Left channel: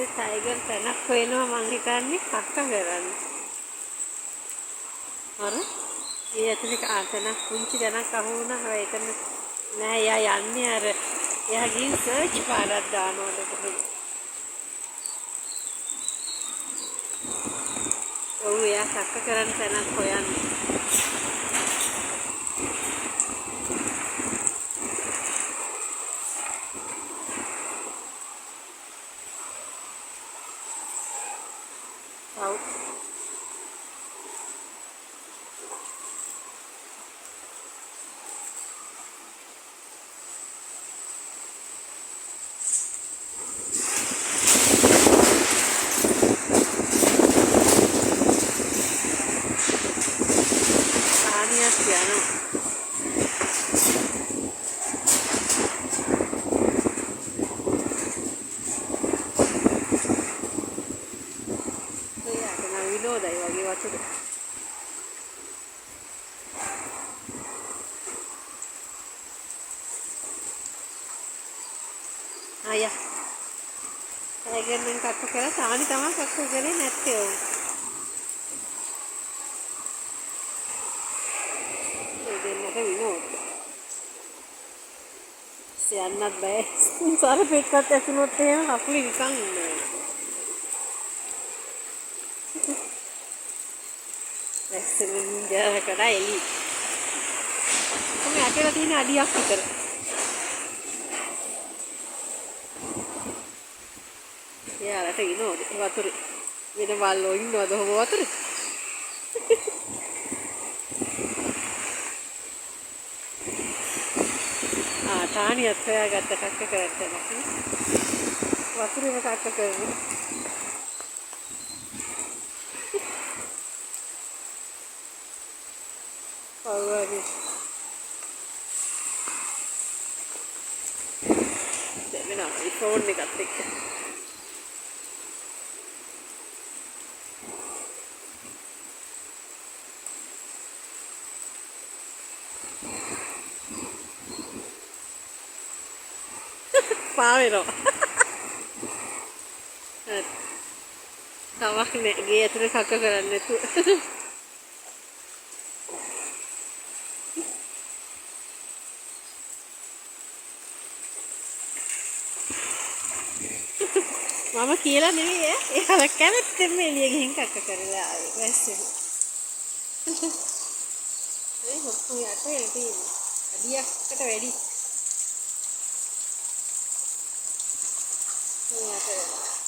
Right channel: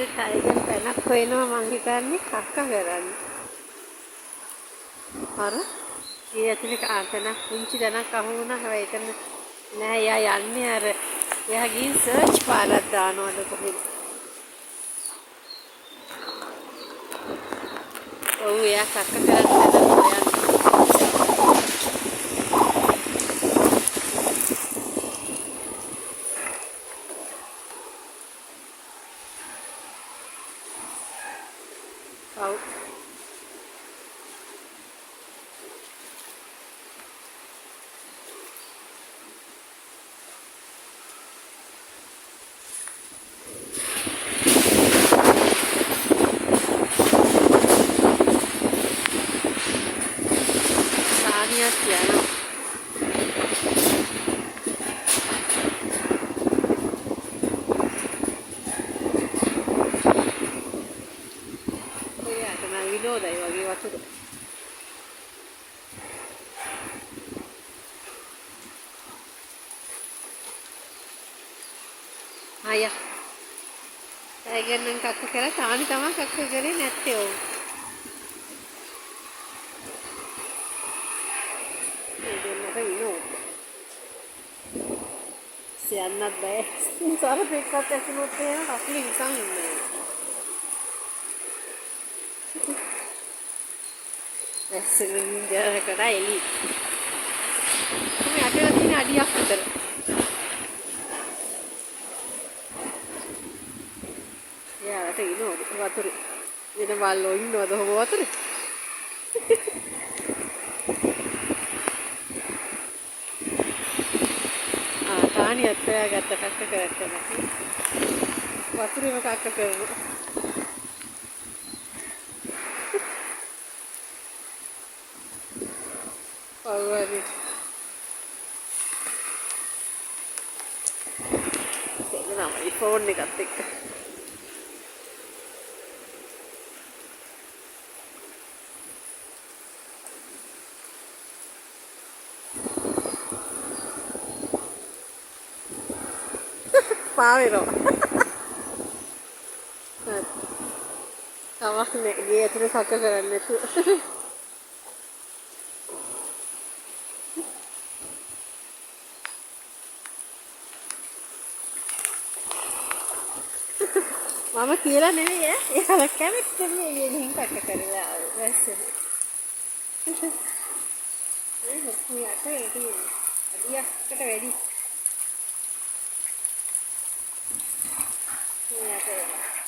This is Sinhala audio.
පස්සේ ටයිගර් පැනක් හොයනවා මං හිතන්නේ කක්ක කරන්න. අර ඒ ඇතුලේ කාතනක් පුංචි තැනක් අහු වුණා. හැබැයි එතන නෑ. එයා යන්නේ අර එයා ගිහින් සර්ච් පාරක් දානවලු කොහෙද. ඔව් එයා කක්ක කරන්න තැනක් හොයන්නේ. ඔව් සානියක් යනවා. එයාට නම් විනෝදයි වගේ වතුර. අයියා ටයිගර් නම් කක්ක කරා. සානි තමයි කක්ක කරේ නැත්තේ. ඔව් ඒ දෙන්නට විනෝද. සියන්නත් බෑ. සරපෙක්කත් ඇසුනොත් එහෙම අපලි නිකන් ඉන්නේ. ඇස්සෙන් ඉඳලා එලි. කොහොම යටේලා තියෙන අඩියක් විතර. එයාලට විනෝද වතුරේ. වෙන බල්ලෝ ඉන්නවද ඔහොම වතුරේ? ටානියත් හොයාගත්ත කක්ක කරලා. වතුරේම කක්ක කරනවා. ඔව් වගේ. දෙන්නා මයි ෆෝන් එකත් එක්ක. පාවෙනවා. හරි. කමක් නෑ. ගේ ඇතුලේ කක්ක කරන්නේ නැතුව. මම කියලා නෙවෙයි ඈ. එයාලා කැමැත්තෙන් එළිය ගිහින් කක්ක කරලා ආවේ. වැස්සෙම. ඒ හොක්කු යටේ තියෙන. අඩියකට වැඩි. යට වෙලා.